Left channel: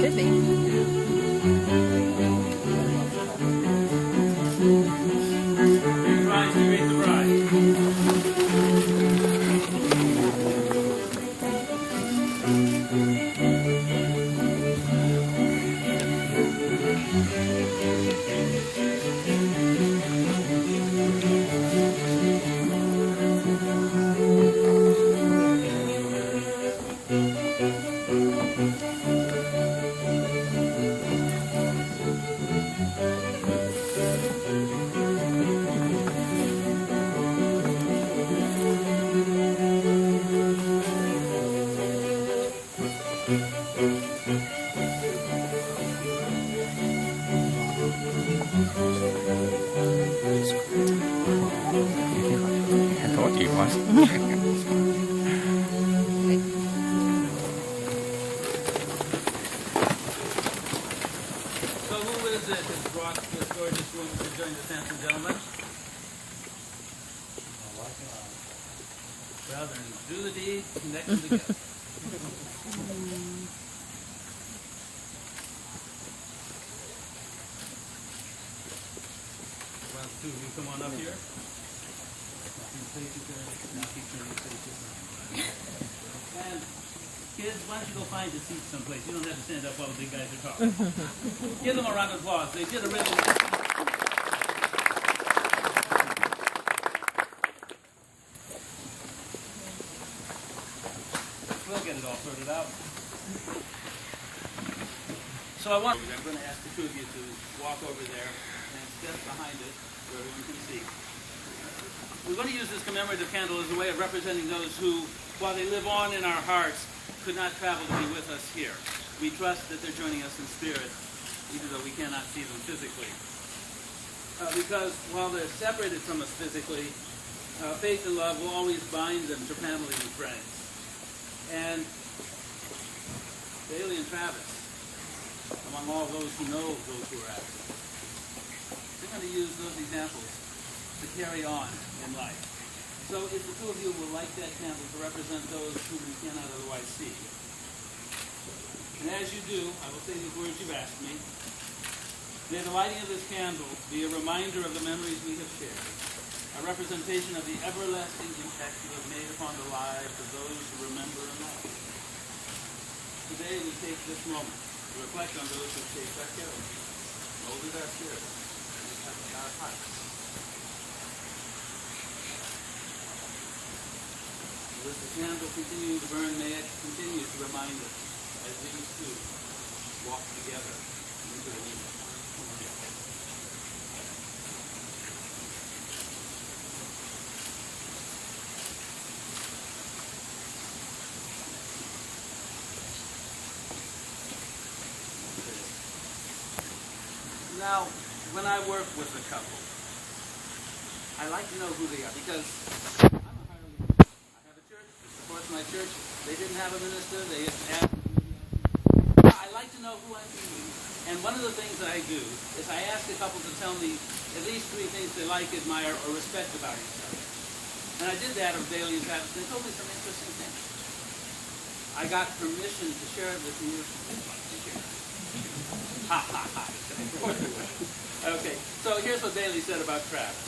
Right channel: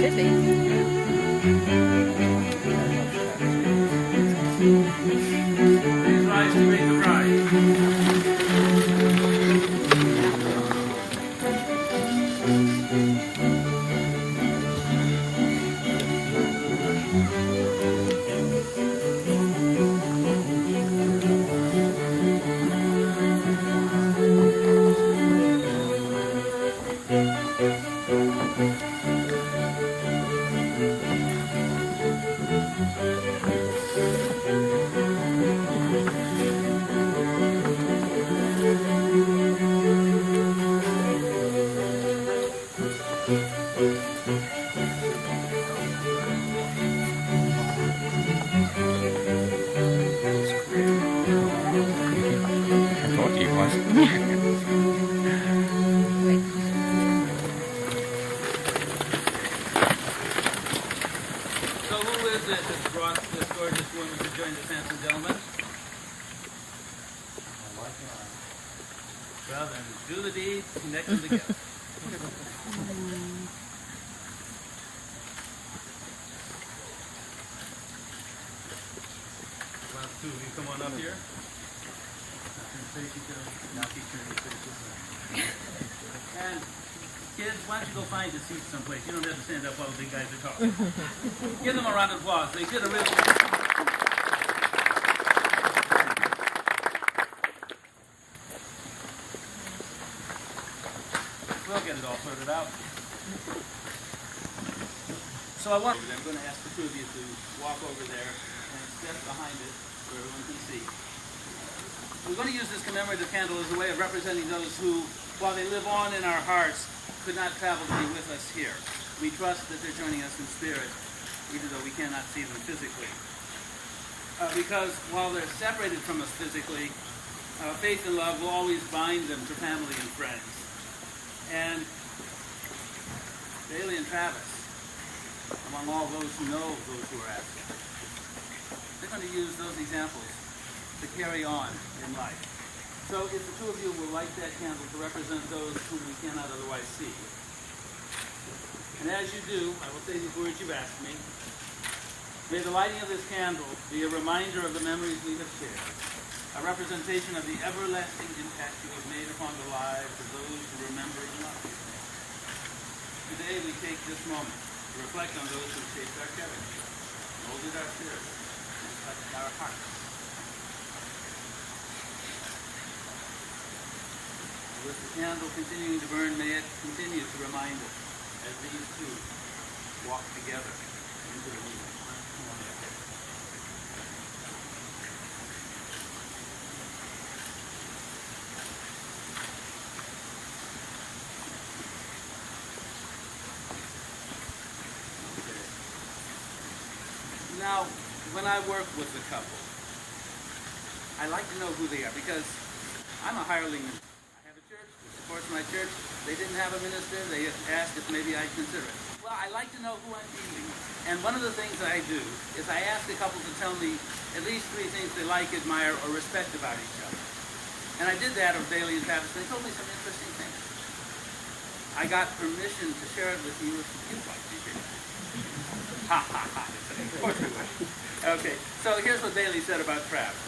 Could be. Please rise to greet the bride. I thought he was. So who is it that brought this gorgeous woman to join the handsome gentleman? Well then, do the deed, connect them together. Well, two of you come on up here. Now keep turning your faces. And kids, why don't you go find a seat someplace? You don't have to stand up while the big guys are talking. Give them a round of applause. They did a really We'll get it all sorted out. So I'm going to ask the two of you to walk over there and step behind it so everyone can see. We're going to use this commemorative candle as a way of representing those who, while they live on in our hearts, could not travel to be with us here. We trust that they're joining us in spirit, even though we cannot see them physically. Because while they're separated from us physically, faith and love will always bind them to family and friends. And Bailey and Travis, among all those who know those who are absent, they're going to use those examples to carry on in life. So if the two of you will light that candle to represent those whom we cannot otherwise see. And as you do, I will say these words you've asked me. May the lighting of this candle be a reminder of the memories we have shared, a representation of the everlasting impact you have made upon the lives of those who remember and love you. Today we take this moment to reflect on those who shaped our character, molded our spirit, and touched our hearts. With the candle continuing to burn, may it continue to remind us as these two walk together into the new. Now, when I work with a couple, I like to know who they are because I'm a hireling. I have a church that supports my church. They didn't have a minister. They just asked if maybe I'd consider it. I like to know who I'm meeting. And one of the things that I do is I ask a couple to tell me at least 3 things they like, admire, or respect about each other. And I did that of Bailey and Travis. They told me some interesting things. I got permission to share it with you if you'd like to hear it. Ha ha ha. Of course we would. Okay, so here's what Bailey said about Travis.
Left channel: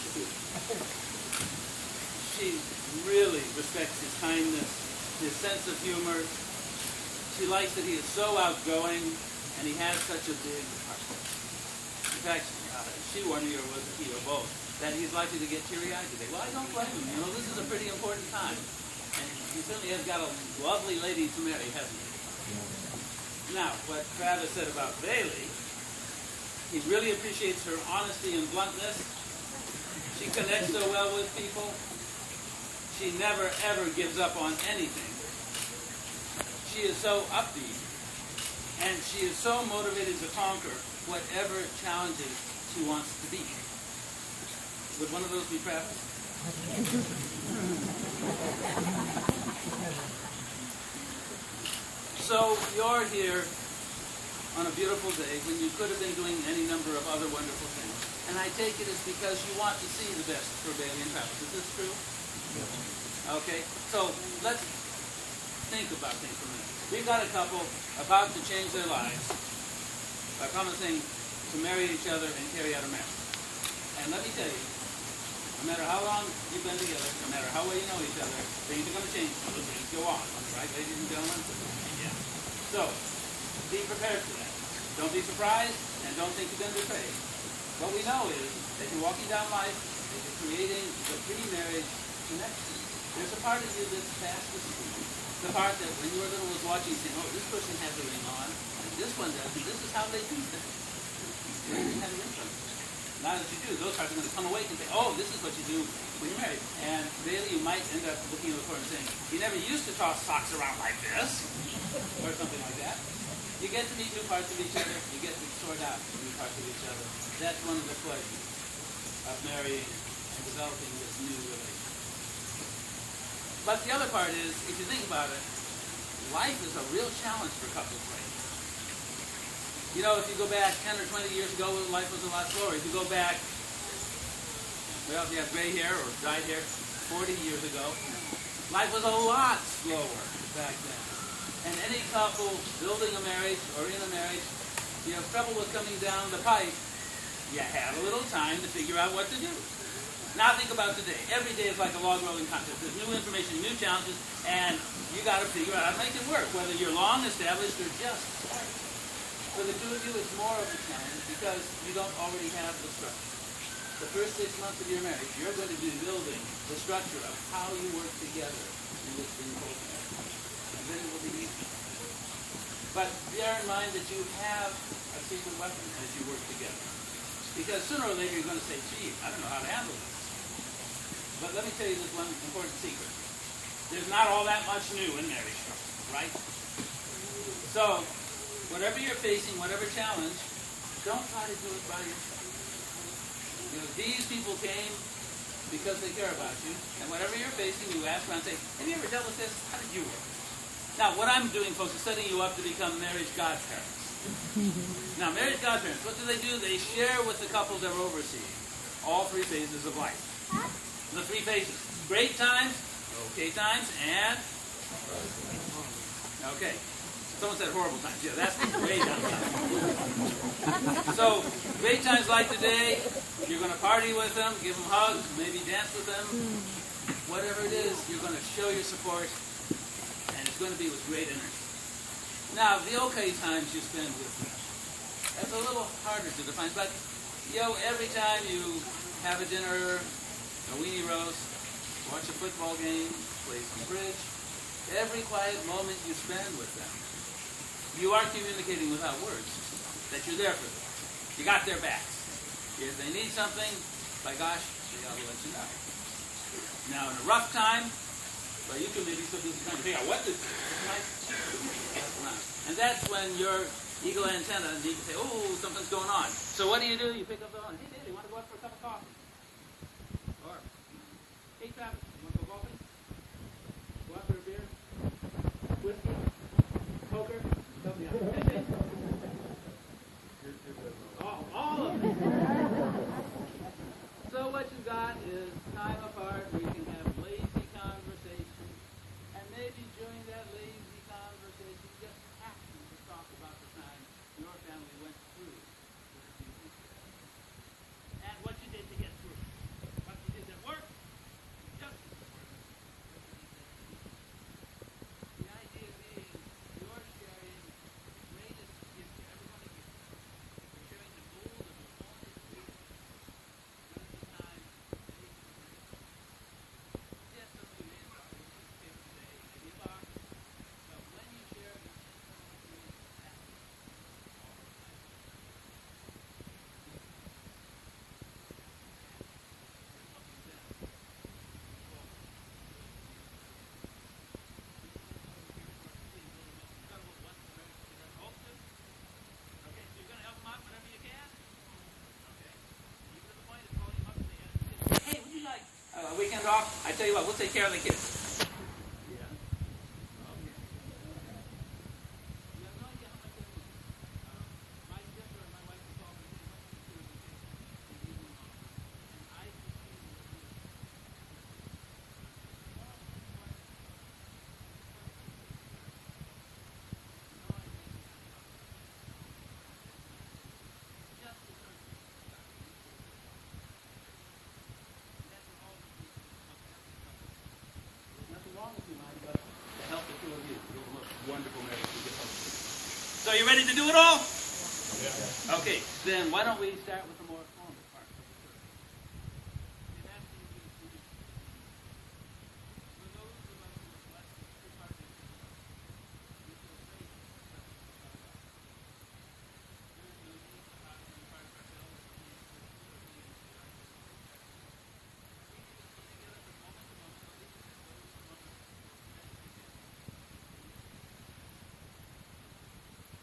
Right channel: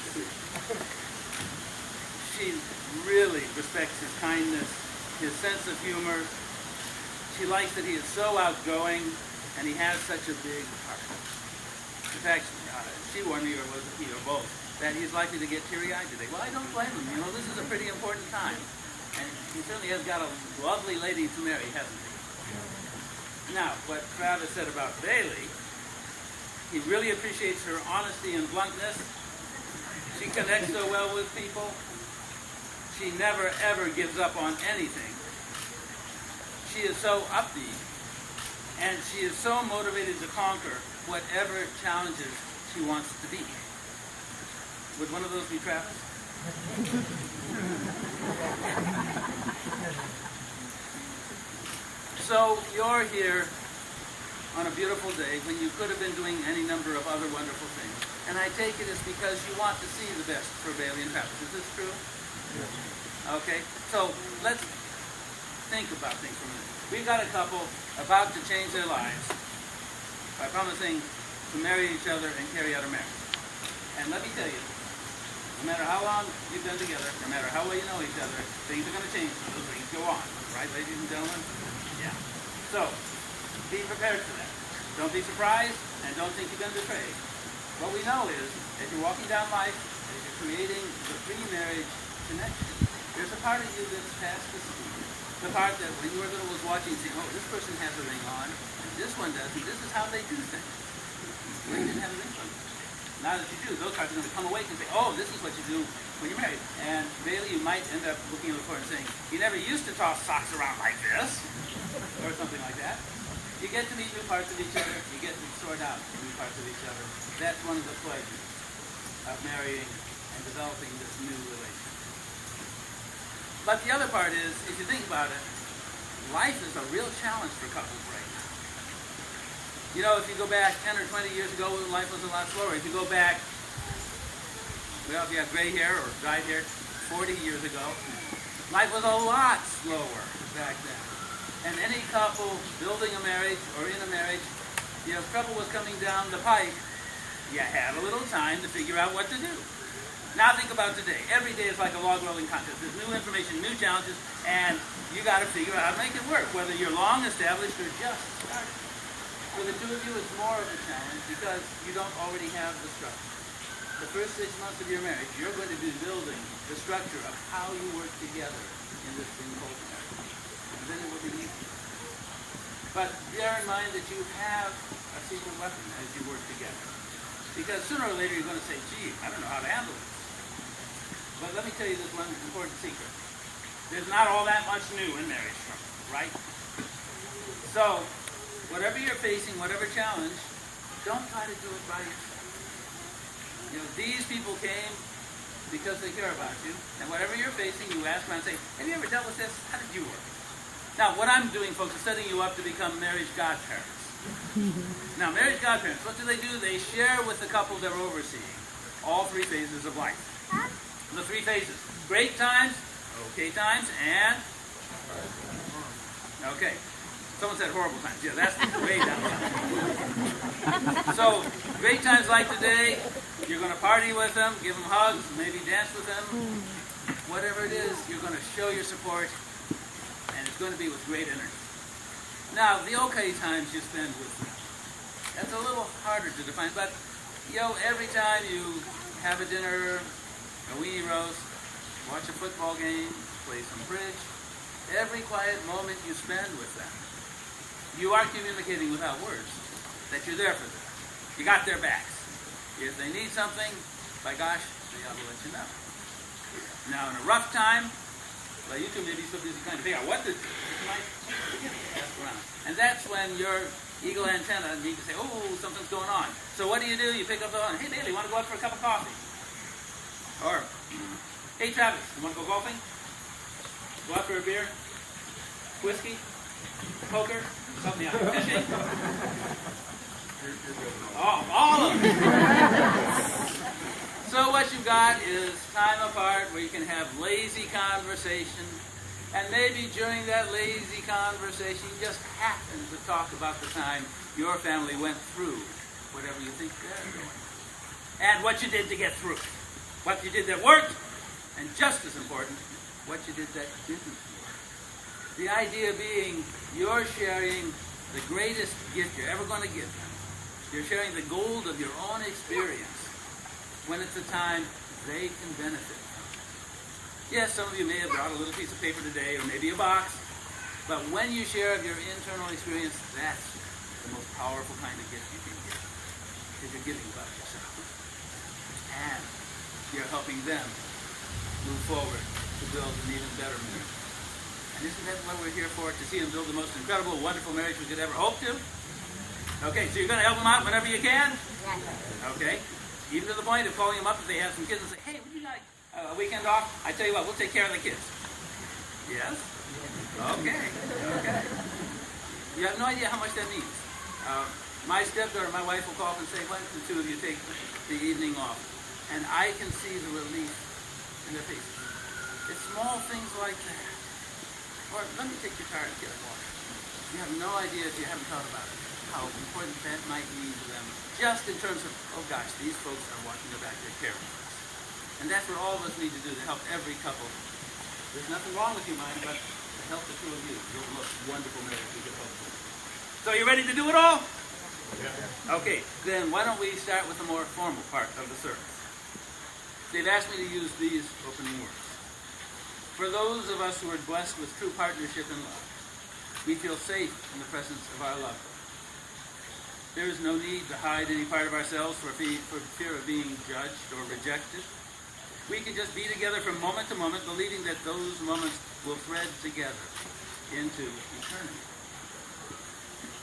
She really respects his kindness, his sense of humor. She likes that he is so outgoing and he has such a big heart. In fact, she warned me, or was it he or both, that he's likely to get teary-eyed today. Well, I don't blame him. You know, this is a pretty important time. And he certainly has got a lovely lady to marry, hasn't he? Now, what Travis said about Bailey, he really appreciates her honesty and bluntness. She connects so well with people. She never, ever gives up on anything. She is so upbeat, and she is so motivated to conquer whatever challenges she wants to beat. Would one of those be Travis? So you're here on a beautiful day when you could have been doing any number of other wonderful things. And I take it it's because you want to see the best for Bailey and Travis. Is this true? Yeah. Okay, so let's think about things for a minute. We've got a couple about to change their lives by promising to marry each other and carry out a marriage. And let me tell you, no matter how long you've been together, no matter how well you know each other, things are going to change. Those things go on. Right, ladies and gentlemen? Yeah. So, be prepared for that. Don't be surprised, and don't think you've been betrayed. What we know is that you're walking down life, and you're creating the pre-marriage connection. There's a part of you that's past the scene. The part that when you were little was watching, saying, oh, this person has a ring on, and this one doesn't. This is how they do things. Well, you didn't have a ring on. Now that you do, those parts are going to come awake and say, oh, this is what you do when you're married. And Bailey, you might end up looking at the court and saying, you never used to toss socks around like this, or something like that. You get to meet new parts of each other. You get to sort out new parts of each other. That's one of the pleasures of marrying and developing this new relationship. But the other part is, if you think about it, life is a real challenge for couples right now. You know, if you go back 10 or 20 years ago, life was a lot slower. If you go back, well, if you have gray hair or dyed hair, 40 years ago, life was a lot slower back then. And any couple building a marriage or in a marriage, you know, if trouble was coming down the pike, you had a little time to figure out what to do. Now think about today. Every day is like a log rolling contest. There's new information, new challenges, and you got to figure out how to make it work, whether you're long established or just starting. For the two of you, it's more of a challenge because you don't already have the structure. The first 6 months of your marriage, you're going to be building the structure of how you work together in this thing called marriage. And then it will be easy. But bear in mind that you have a secret weapon as you work together. Because sooner or later you're going to say, gee, I don't know how to handle this. But let me tell you this one important secret. There's not all that much new in marriage trouble, right? So, whatever you're facing, whatever challenge, don't try to do it by yourself. You know, these people came because they care about you, and whatever you're facing, you ask around and say, have you ever dealt with this? How did you work? Now, what I'm doing, folks, is setting you up to become marriage godparents. Now, marriage godparents, what do? They share with the couple they're overseeing all three phases of life. The three phases. Great times, okay times, and okay. Someone said horrible times. Yeah, that's way down the line. So, great times like today, you're going to party with them, give them hugs, maybe dance with them. Whatever it is, you're going to show your support, and it's going to be with great energy. Now, the okay times you spend with them. That's a little harder to define, but, you know, every time you have a dinner, a weenie roast, watch a football game, play some bridge, every quiet moment you spend with them, you are communicating without words that you're there for them. You got their backs. If they need something, by gosh, they ought to let you know. Now, in a rough time, well, you two may be so busy trying to figure out what to do. And that's when your eagle antenna need to say, oh, something's going on. So what do? You pick up the phone. Hey, Bailey, want to go out for a cup of coffee? Or, hey, Travis, you want to go golfing? Go out for a beer? Whiskey? Poker? Something else. Fishing? Oh, all of them. So what you've got is time apart where you can have lazy conversation, and maybe during that lazy conversation you just happen to talk about the time your family went through whatever you think they're going through, and what you did to get through it, what you did that worked, and just as important, what you did that didn't work. The idea being you're sharing the greatest gift you're ever going to give them. You're sharing the gold of your own experience when it's a time they can benefit from. Yes, some of you may have brought a little piece of paper today or maybe a box, but when you share of your internal experience, that's the most powerful kind of gift you can give. Because you're giving about yourself. And you're helping them move forward to build an even better marriage. And isn't that what we're here for? To see them build the most incredible, wonderful marriage we could ever hope to? Okay, so you're going to help them out whenever you can? Okay. Even to the point of calling them up if they have some kids and say, hey, would you like a weekend off? I tell you what, we'll take care of the kids. Yes? Okay. Okay. You have no idea how much that means. My stepdaughter, my wife will call up and say, why don't the two of you take the evening off? And I can see the relief in their faces. It's small things like that. Or let me take your car and get a water. You have no idea, if you haven't thought about it, how important that might mean to them. Just in terms of, oh gosh, these folks are watching their back, they're caring for us. And that's what all of us need to do to help every couple. There's nothing wrong with you, mind, but to help the two of you. You'll look wonderful marriage we can hope for. So you ready to do it all? Yeah. Okay, then why don't we start with the more formal part of the service. They've asked me to use these opening words. For those of us who are blessed with true partnership in love, we feel safe in the presence of our loved one. There is no need to hide any part of ourselves for fear of being judged or rejected. We can just be together from moment to moment, believing that those moments will thread together into eternity.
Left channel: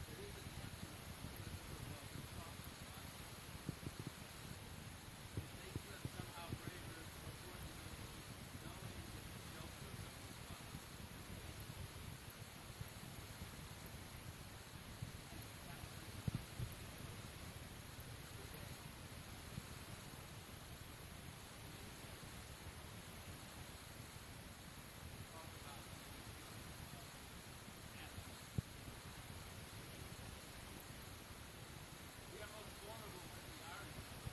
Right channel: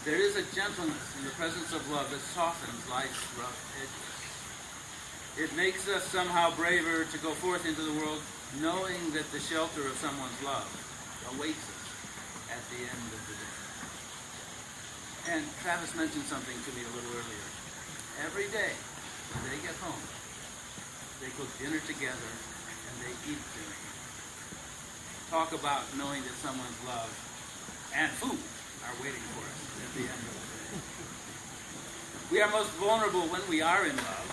There is a gentleness in the presence of love that softens life's rough edges. It makes us somehow braver to go forth into the world, knowing that the shelter of someone's love awaits us at the end of the day. And Travis mentioned something to me a little earlier. Every day, when they get home, they cook dinner together and they eat dinner. Talk about knowing that someone's love and food are waiting for us at the end of the day. We are most vulnerable when we are in love.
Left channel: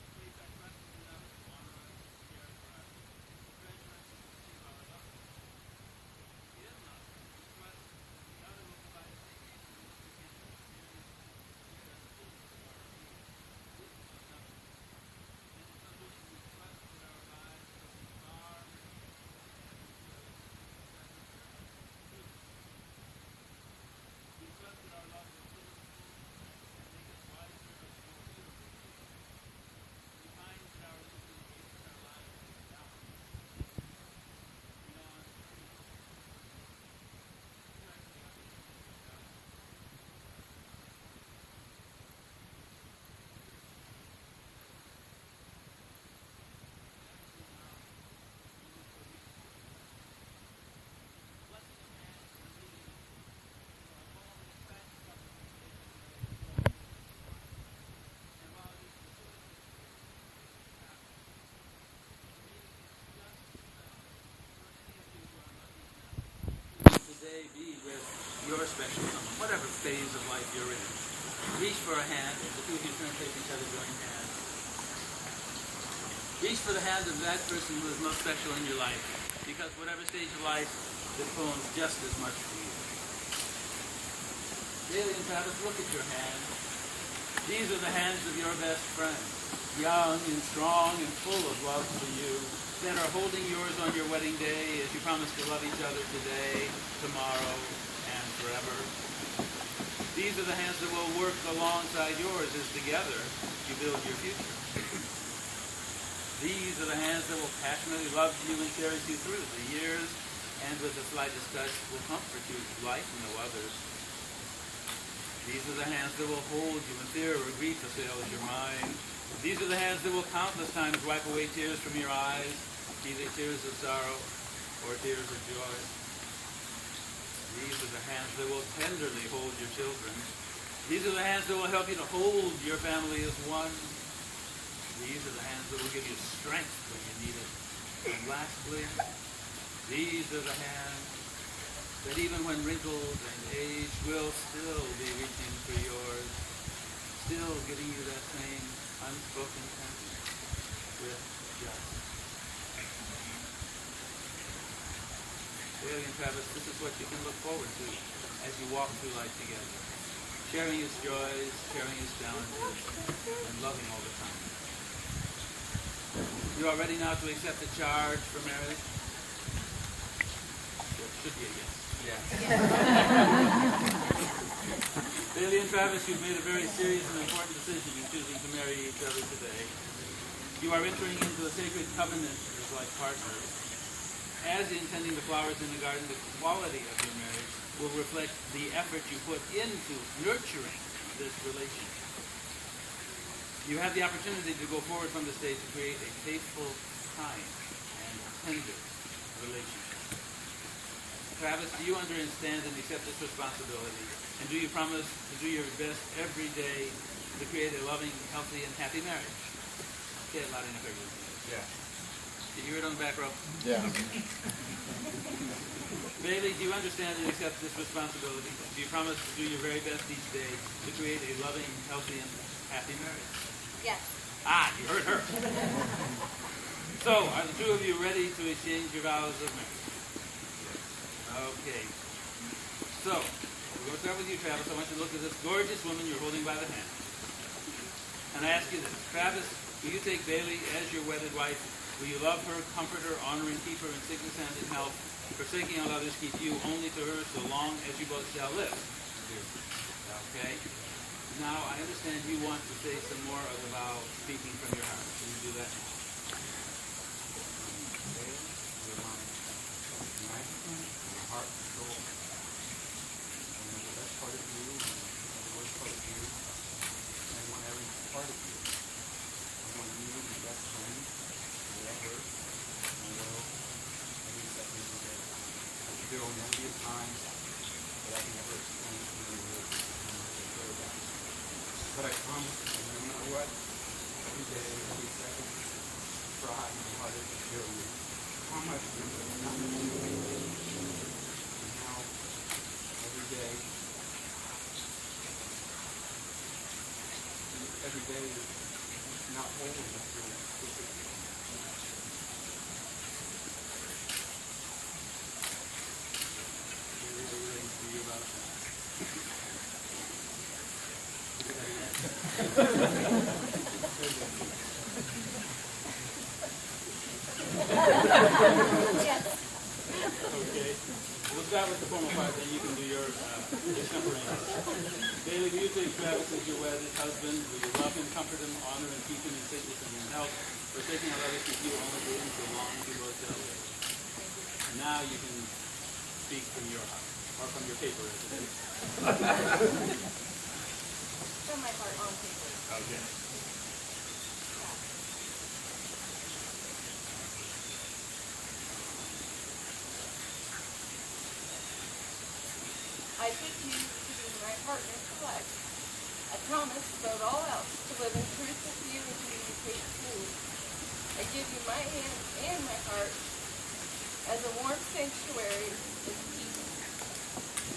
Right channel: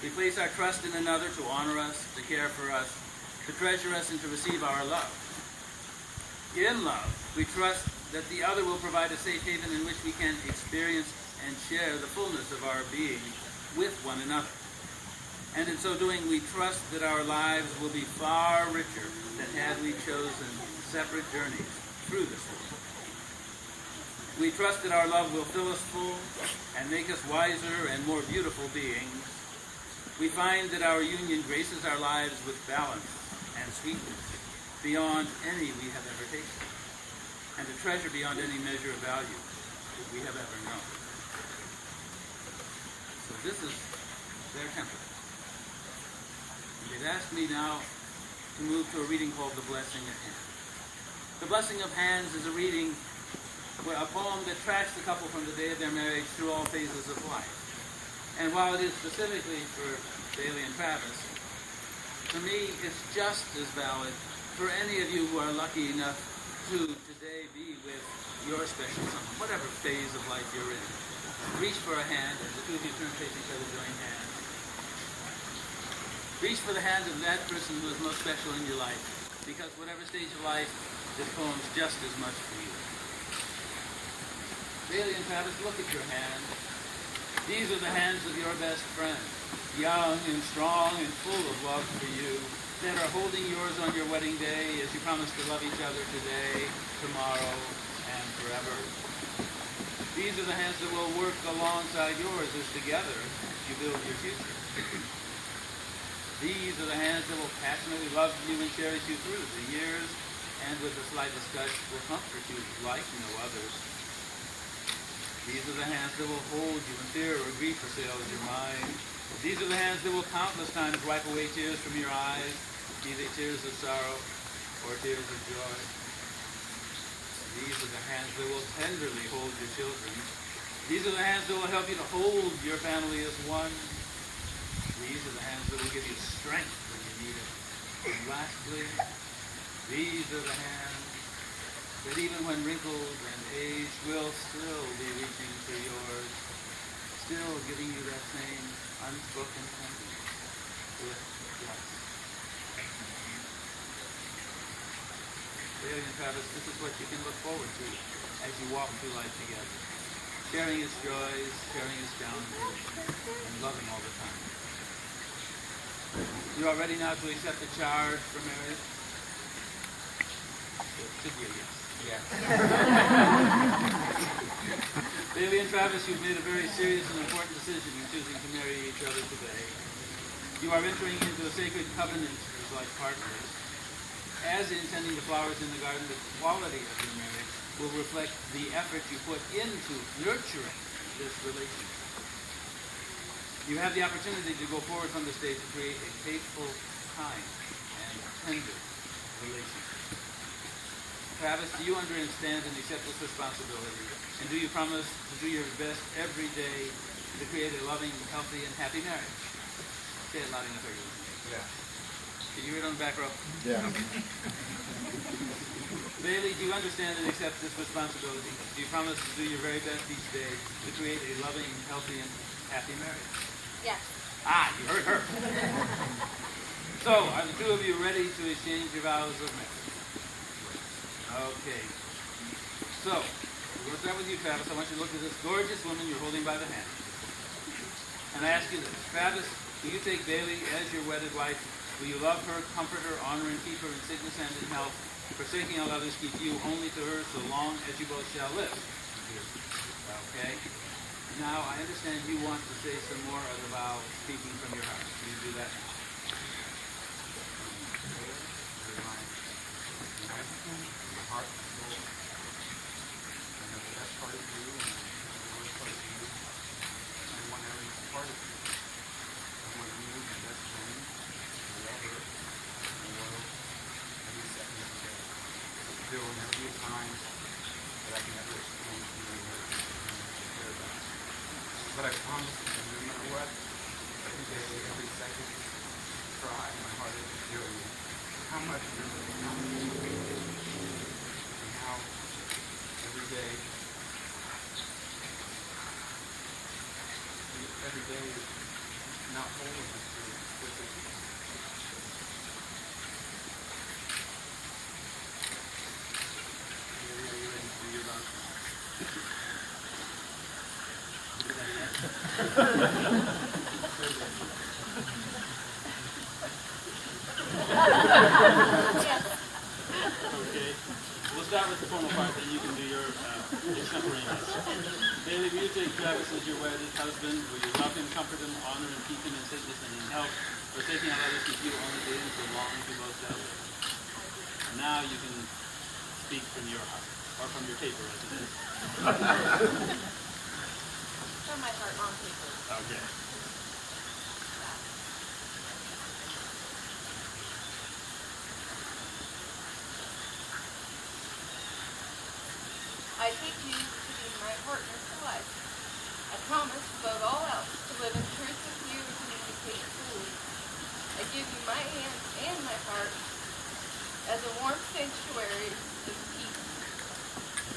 We place our trust in another to honor us, to care for us, to treasure us, and to receive our love. In love, we trust that the other will provide a safe haven in which we can experience and share the fullness of our being with one another. And in so doing, we trust that our lives will be far richer than had we chosen separate journeys through this world. We trust that our love will fill us full and make us wiser and more beautiful beings. We find that our union graces our lives with balance and sweetness beyond any we have ever tasted, and a treasure beyond any measure of value that we have ever known. So this is their template. And they've asked me now to move to a reading called The Blessing of Hands. The Blessing of Hands is a reading, a poem that tracks the couple from the day of their marriage through all phases of life. And while it is specifically for Bailey and Travis, to me it's just as valid for any of you who are lucky enough to today be with your special someone, whatever phase of life you're in. Reach for a hand as the two of you turn to face each other, join hands. Reach for the hand of that person who is most special in your life, because whatever stage of life, this poem's just as much for you. Bailey and Travis, look at your hands. These are the hands of your best friend, young and strong and full of love for you, that are holding yours on your wedding day as you promise to love each other today, tomorrow, and forever. These are the hands that will work alongside yours as together you build your future. These are the hands that will passionately love you and cherish you through the years, and with the slightest touch will comfort you like no others. These are the hands that will hold you when fear or grief assails your mind. These are the hands that will countless times wipe away tears from your eyes, be they tears of sorrow or tears of joy. These are the hands that will tenderly hold your children. These are the hands that will help you to hold your family as one. These are the hands that will give you strength when you need it. And lastly, these are the hands that even when wrinkled and aged will still be reaching for yours, still giving you that same unspoken tenderness with just. Bailey and Travis, this is what you can look forward to as you walk through life together, sharing its joys, sharing its challenges, and loving all the time. You are ready now to accept the charge for marriage? There should be a yes. Yeah. Bailey and Travis, you've made a very serious and important decision in choosing to marry each other today. You are entering into a sacred covenant as life partners. As in tending the flowers in the garden, the quality of your marriage will reflect the effort you put into nurturing this relationship. You have the opportunity to go forward from this day to create a faithful, kind, and tender relationship. Travis, do you understand and accept this responsibility? And do you promise to do your best every day to create a loving, healthy, and happy marriage? Say it loud enough, everyone. Yeah. Did you hear it on the back row? Yeah. Bailey, do you understand and accept this responsibility? Do you promise to do your very best each day to create a loving, healthy, and happy marriage? Yes. Ah, you heard her. So, are the two of you ready to exchange your vows of marriage? Okay. So, we're going to start with you, Travis. I want you to look at this gorgeous woman you're holding by the hand. And I ask you this. Travis, will you take Bailey as your wedded wife? Will you love her, comfort her, honor and keep her in sickness and in health, forsaking all others, keep you only to her so long as you both shall live? Okay. Now, I understand you want to say some more of the vow speaking from your heart. Will you do that now? You're my everything, my heart, my soul. I know the best part of you and the worst part of you. I want every part of you. I want you, my best friend, my lover, my world, every second of the day. There will never be a time that I can ever explain to you in words how much I care about you. But I promise that no matter what, every day, every second, try my hardest to show you how much you mean, and how every day is not whole unless you're with it. Bailey, are you ready to do your vows now? Yes. Okay. We'll start with the formal part, then you can do your extemporaneous. Bailey, will you take Travis as your wedded husband? Will you love him, comfort him, honor and keep him in sickness and in health, forsaking all others, keep you only to him so long as you both shall live? And now you can speak from your heart, or from your paper as it is. From my heart on paper. Okay. I take you to be my partner for life. I promise, above all else, to live in truth with you and communicate fully. I give you my hand and my heart as a warm sanctuary of peace.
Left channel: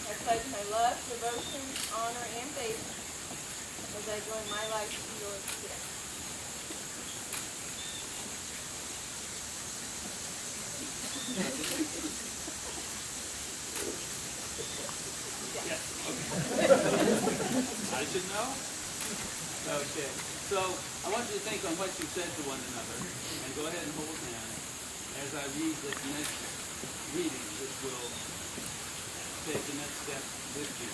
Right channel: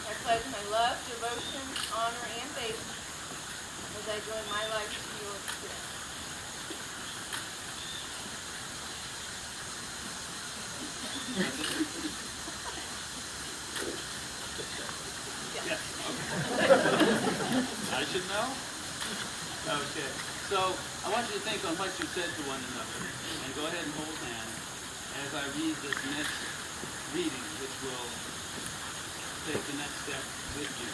I pledge my love, devotion, honor, and faith as I join my life to yours today. Yes. Okay. I should know? Okay. So I want you to think on what you said to one another and go ahead and hold hands as I read this next reading, which will take the next step with you.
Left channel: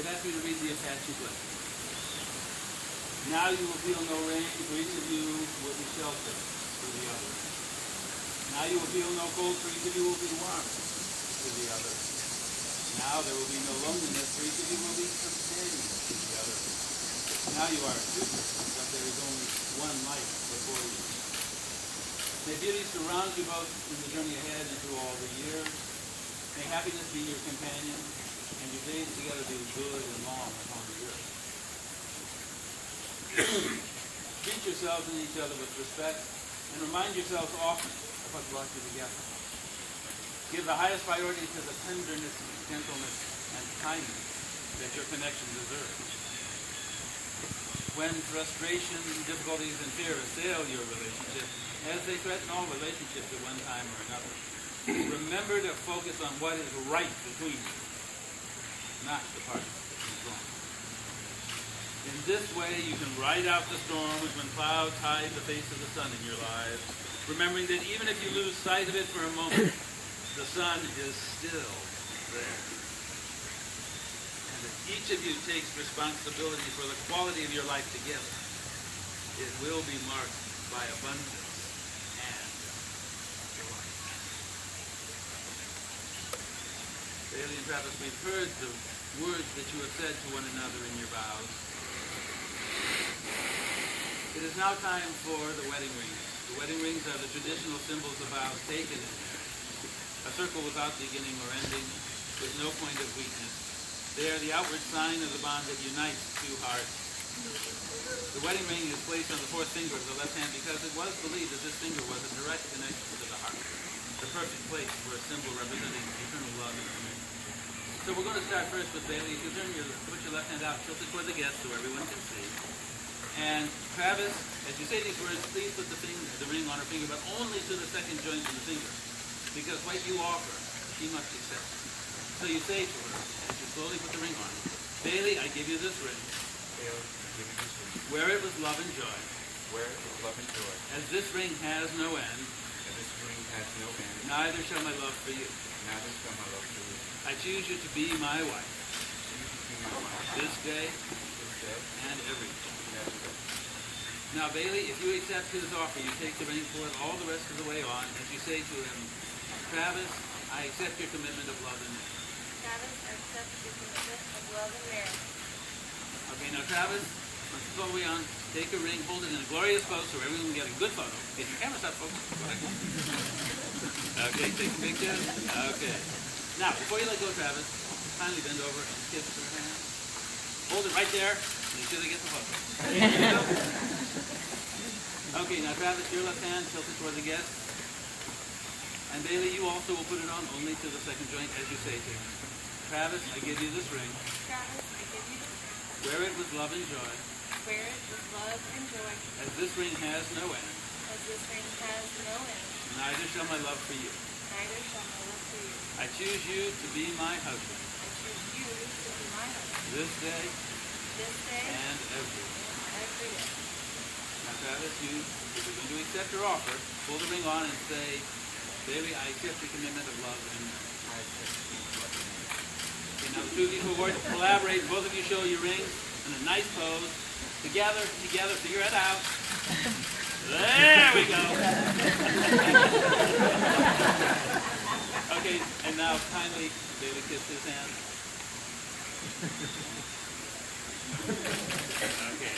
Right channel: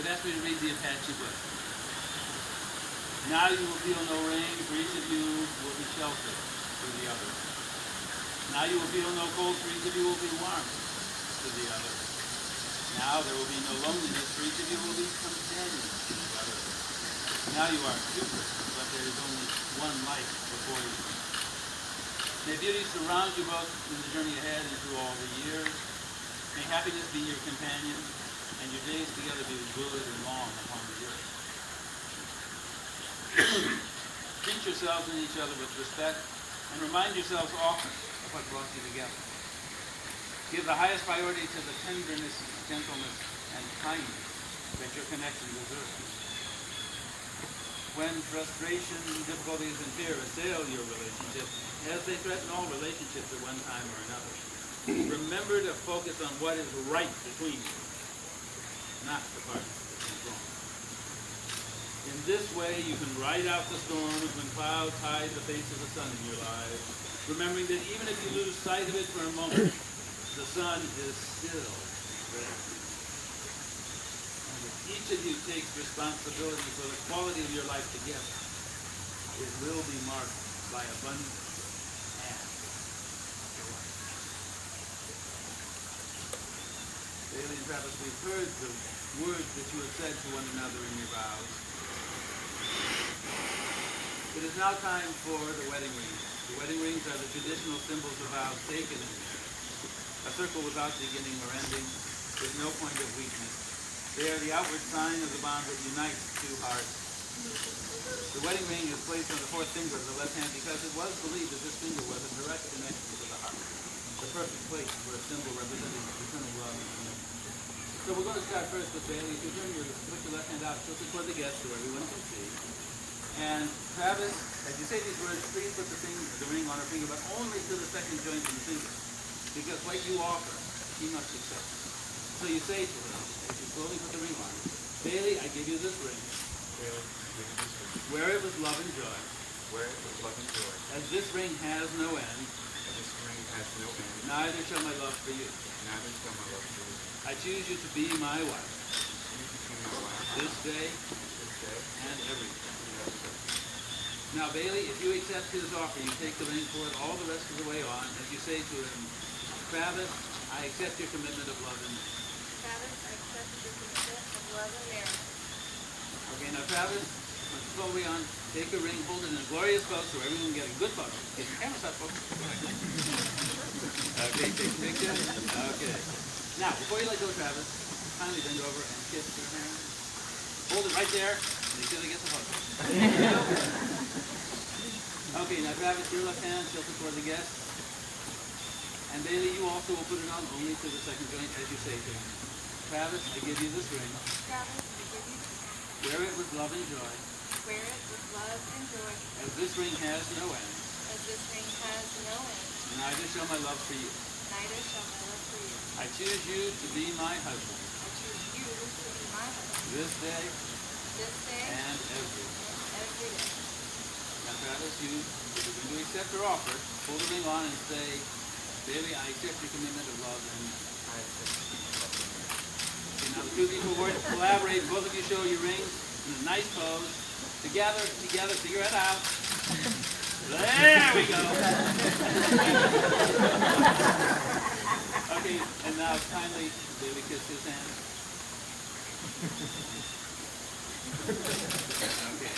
It asked me to read the Apache blessing. Now you will feel no rain, for each of you will be shelter for the other. Now you will feel no cold, for each of you will be warmth to the other. Now there will be no loneliness, for each of you will be companions to the other. Now you are two persons, but there is only one life before you. May beauty surround you both in the journey ahead and through all the years. May happiness be your companion, and your days together be good and long upon the earth. Treat yourselves and each other with respect, and remind yourselves often of what brought you together. Give the highest priority to the tenderness, gentleness, and kindness that your connection deserves. When frustration, difficulties, and fear assail your relationship, as they threaten all relationships at one time or another, remember to focus on what is right between you, not the part that is wrong. In this way, you can ride out the storms when clouds hide the face of the sun in your lives, remembering that even if you lose sight of it for a moment, the sun is still there. And if each of you takes responsibility for the quality of your life together, it will be marked by abundance and joy. Bailey and Travis, we've heard the words that you have said to one another in your vows. It is now time for the wedding rings. The wedding rings are the traditional symbols of vows taken in marriage. a circle without beginning or ending, with no point of weakness. They are the outward sign of the bond that unites two hearts. The wedding ring is placed on the fourth finger of the left hand because it was believed that this finger was a direct connection to the heart, the perfect place for a symbol representing eternal love and connection. So we're going to start first with Bailey. If you put your left hand out, tilt it toward the guest so everyone can see. And Travis, as you say these words, please put the ring on her finger, but only to the second joint of the finger, because what you offer, she must accept. So you say to her, as you slowly put the ring on, Bailey, I give you this ring. Bailey, I give you this ring. Wear it with love and joy. Wear it with love and joy. As this ring has no end, And this ring has no end. neither shall my love for you. Neither shall my love for you. I choose you to be my wife, You to be my wife. this day This day and every day. and every day. Now, Bailey, if you accept his offer, you take the ring, pull it all the rest of the way on, as you say to him, Travis, I accept your commitment of love and marriage. Travis, I accept your commitment of love and marriage. Okay, now Travis, once it's all the way on, take a ring, hold it in a glorious pose so everyone can get a good photo. Get your cameras up, folks. Okay, take a picture. Okay. Now, before you let go, Travis, kindly bend over and kiss her hand. Hold it right there. Make sure they get the photo. Okay, now Travis, your left hand tilted toward the guest. And Bailey, you also will put it on only to the second joint as you say to him. Travis, I give you this ring. Travis, I give you this ring. Wear it with love and joy. Wear it with love and joy. As this ring has no end, As this ring has no end. neither shall my love for you. Neither shall my love for you. I choose you to be my husband, I choose you to be my husband. this day This day and every day. and every day. Now Travis, if you're going to accept her offer, pull the ring on and say, Bailey, I accept your commitment of love and I accept your commitment of love and marriage. Okay, now the two people who work collaborate. Both of you show your rings in a nice pose. Together, figure it out. There we go. Okay, and now kindly, Bailey kiss his hand. Okay.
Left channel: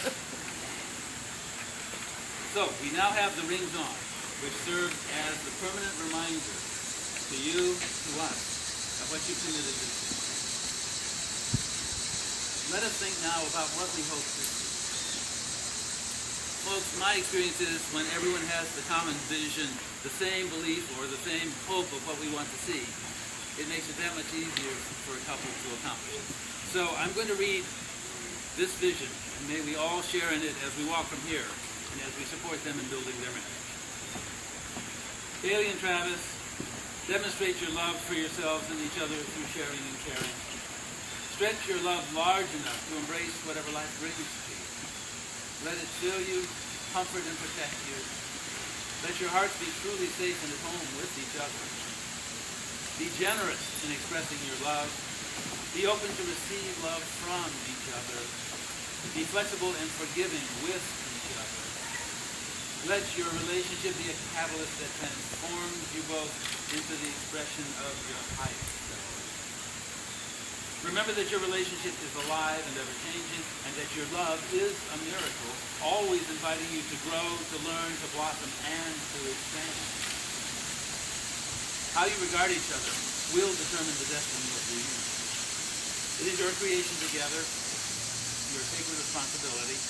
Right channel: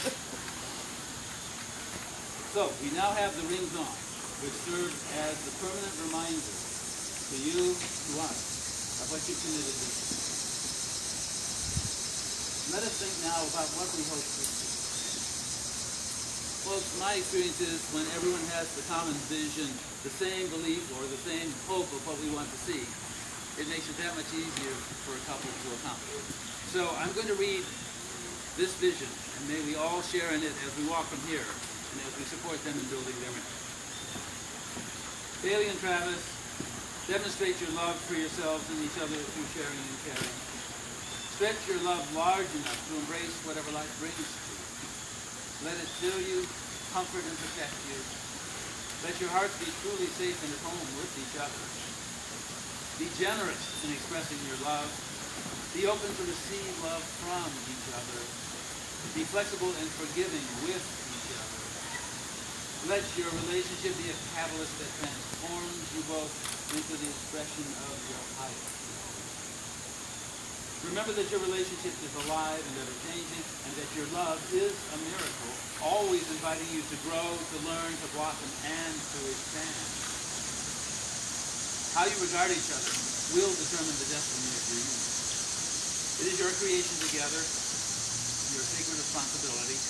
So, we now have the rings on, which serves as the permanent reminder to you, to us, of what you committed to do. Let us think now about what we hope to see. Folks, my experience is when everyone has the common vision, the same belief, or the same hope of what we want to see, it makes it that much easier for a couple to accomplish. So I'm going to read this vision, and may we all share in it as we walk from here, and as we support them in building their marriage. Bailey and Travis, demonstrate your love for yourselves and each other through sharing and caring. Stretch your love large enough to embrace whatever life brings to you. Let it fill you, comfort and protect you. Let your hearts be truly safe and at home with each other. Be generous in expressing your love. Be open to receive love from each other. Be flexible and forgiving with each other. Let your relationship be a catalyst that transforms you both into the expression of your highest self. Remember that your relationship is alive and ever-changing, and that your love is a miracle, always inviting you to grow, to learn, to blossom, and to expand. How you regard each other will determine the destiny of your union. It is your creation together, your sacred responsibility.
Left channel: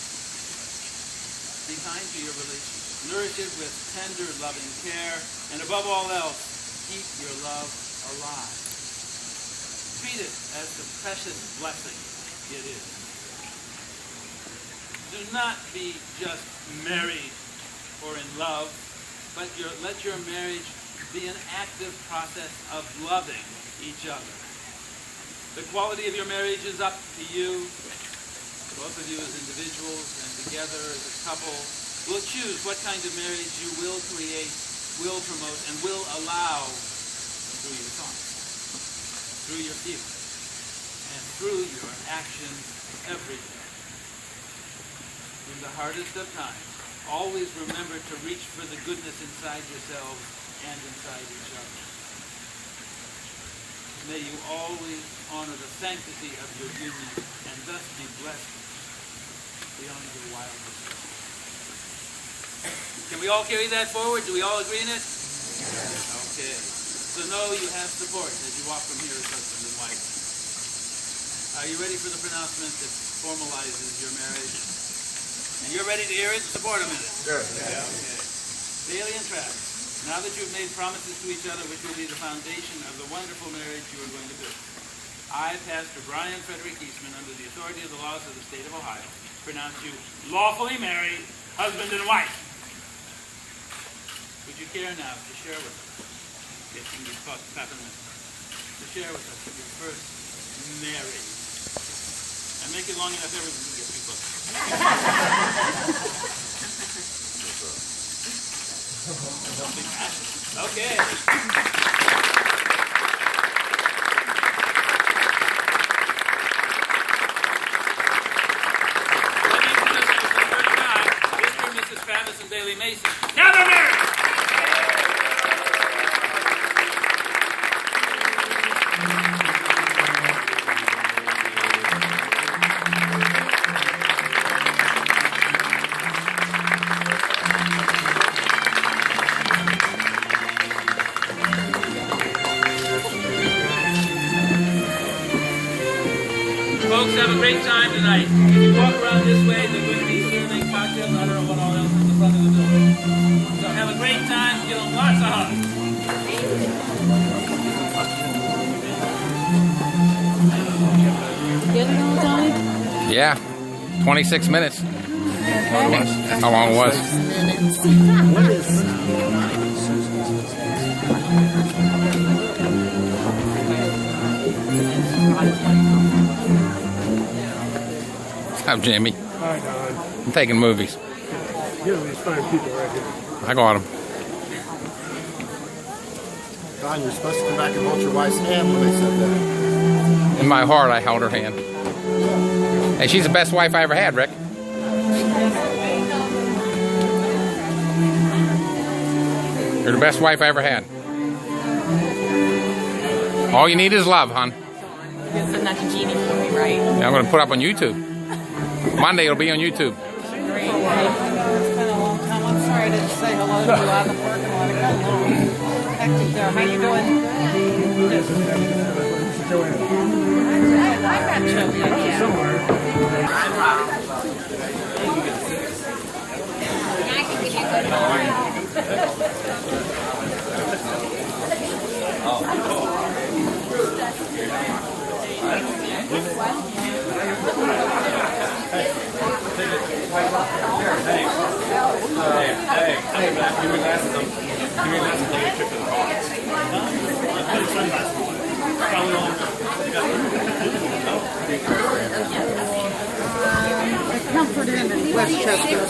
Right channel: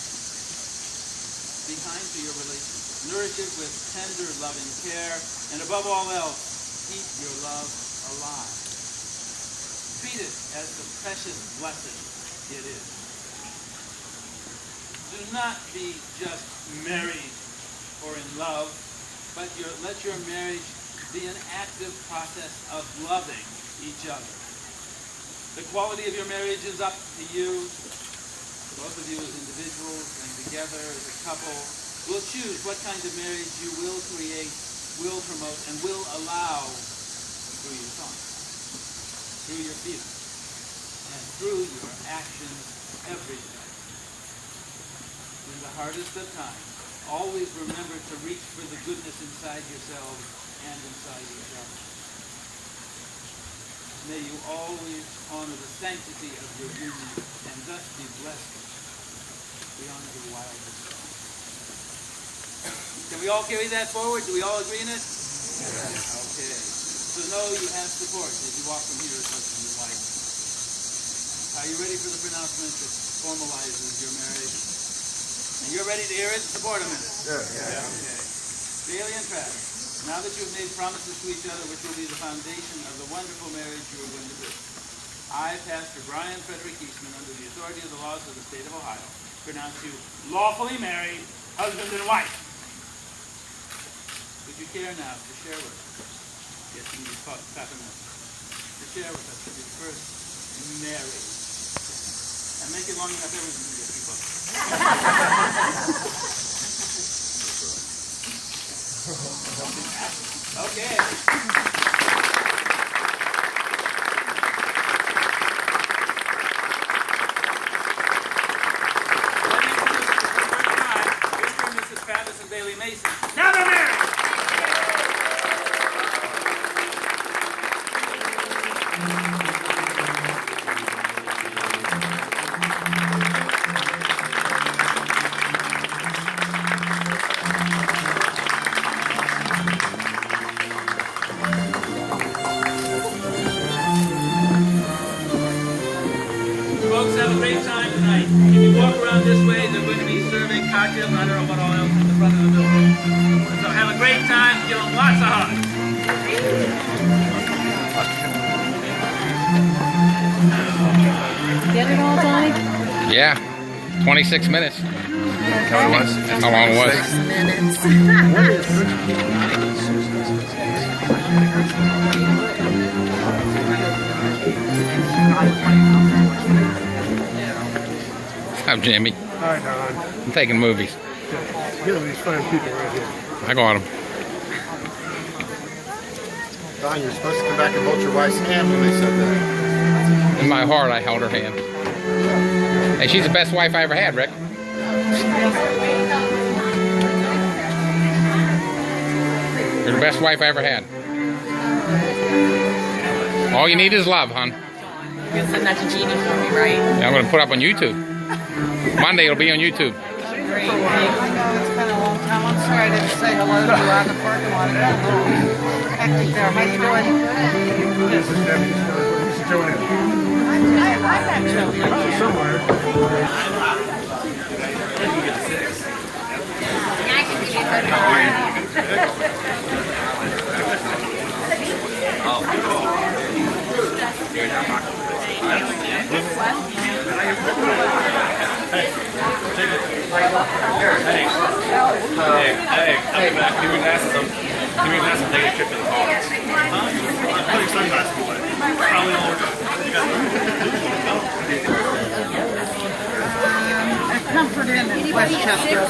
Be kind to your relationship. Nourish it with tender, loving care, and above all else, keep your love alive. Treat it as the precious blessing it is. Do not be just married or in love, but let your marriage be an active process of loving each other. The quality of your marriage is up to you. Both of you as individuals and together as a couple will choose what kind of marriage you will create, will promote, and will allow through your thoughts, through your feelings, and through your actions every day. In the hardest of times, always remember to reach for the goodness inside yourselves and inside each other. May you always honor the sanctity of your union and thus be blessed beyond your wildest self. Can we all carry that forward? Do we all agree in it? Okay. So know you have support as you walk from here as husband and wife. Are you ready for the pronouncement that formalizes your marriage? And you're ready to hear it? Support a minute. Yeah. Okay. Bailey and Travis, now that you've made promises to each other which will be the foundation of the wonderful marriage you are going to build, I, Pastor Brian Frederick Eastman, under the authority of the laws of the state of Ohio, pronounce you lawfully married, husband and wife. Would you care now to share with us, getting you tapping this, to share with us your first marriage? And make it long enough everyone can get people. Okay. Travis and Bailey Mason. Now they're married! Folks, have a great time tonight. If you walk around this way, they're going to be serving cocktails. I don't know what all else in the front of the building. So have a great time. Give them lots of hugs. Get it all done? Yeah, 26 minutes. How long it was? 6 minutes. I'm Jimmy. Hi, Don. I'm taking movies. Get these fine people right here. I got them. Don, you're supposed to come back and hold your wife's hand when they said that. In my heart, I held her hand. Hey, she's the best wife I ever had, Rick. You're the best wife I ever had. All you need is love, hon. You're gonna send that to Jeannie for me, right? Yeah, I'm going to put it up on YouTube. Monday it'll be on YouTube. I know it's been a long time. I'm sorry I didn't say hello to you out in the parking lot. It got a little hectic there. How you doing? This is Debbie. This is Joanne. Comfort Inn in Westchester.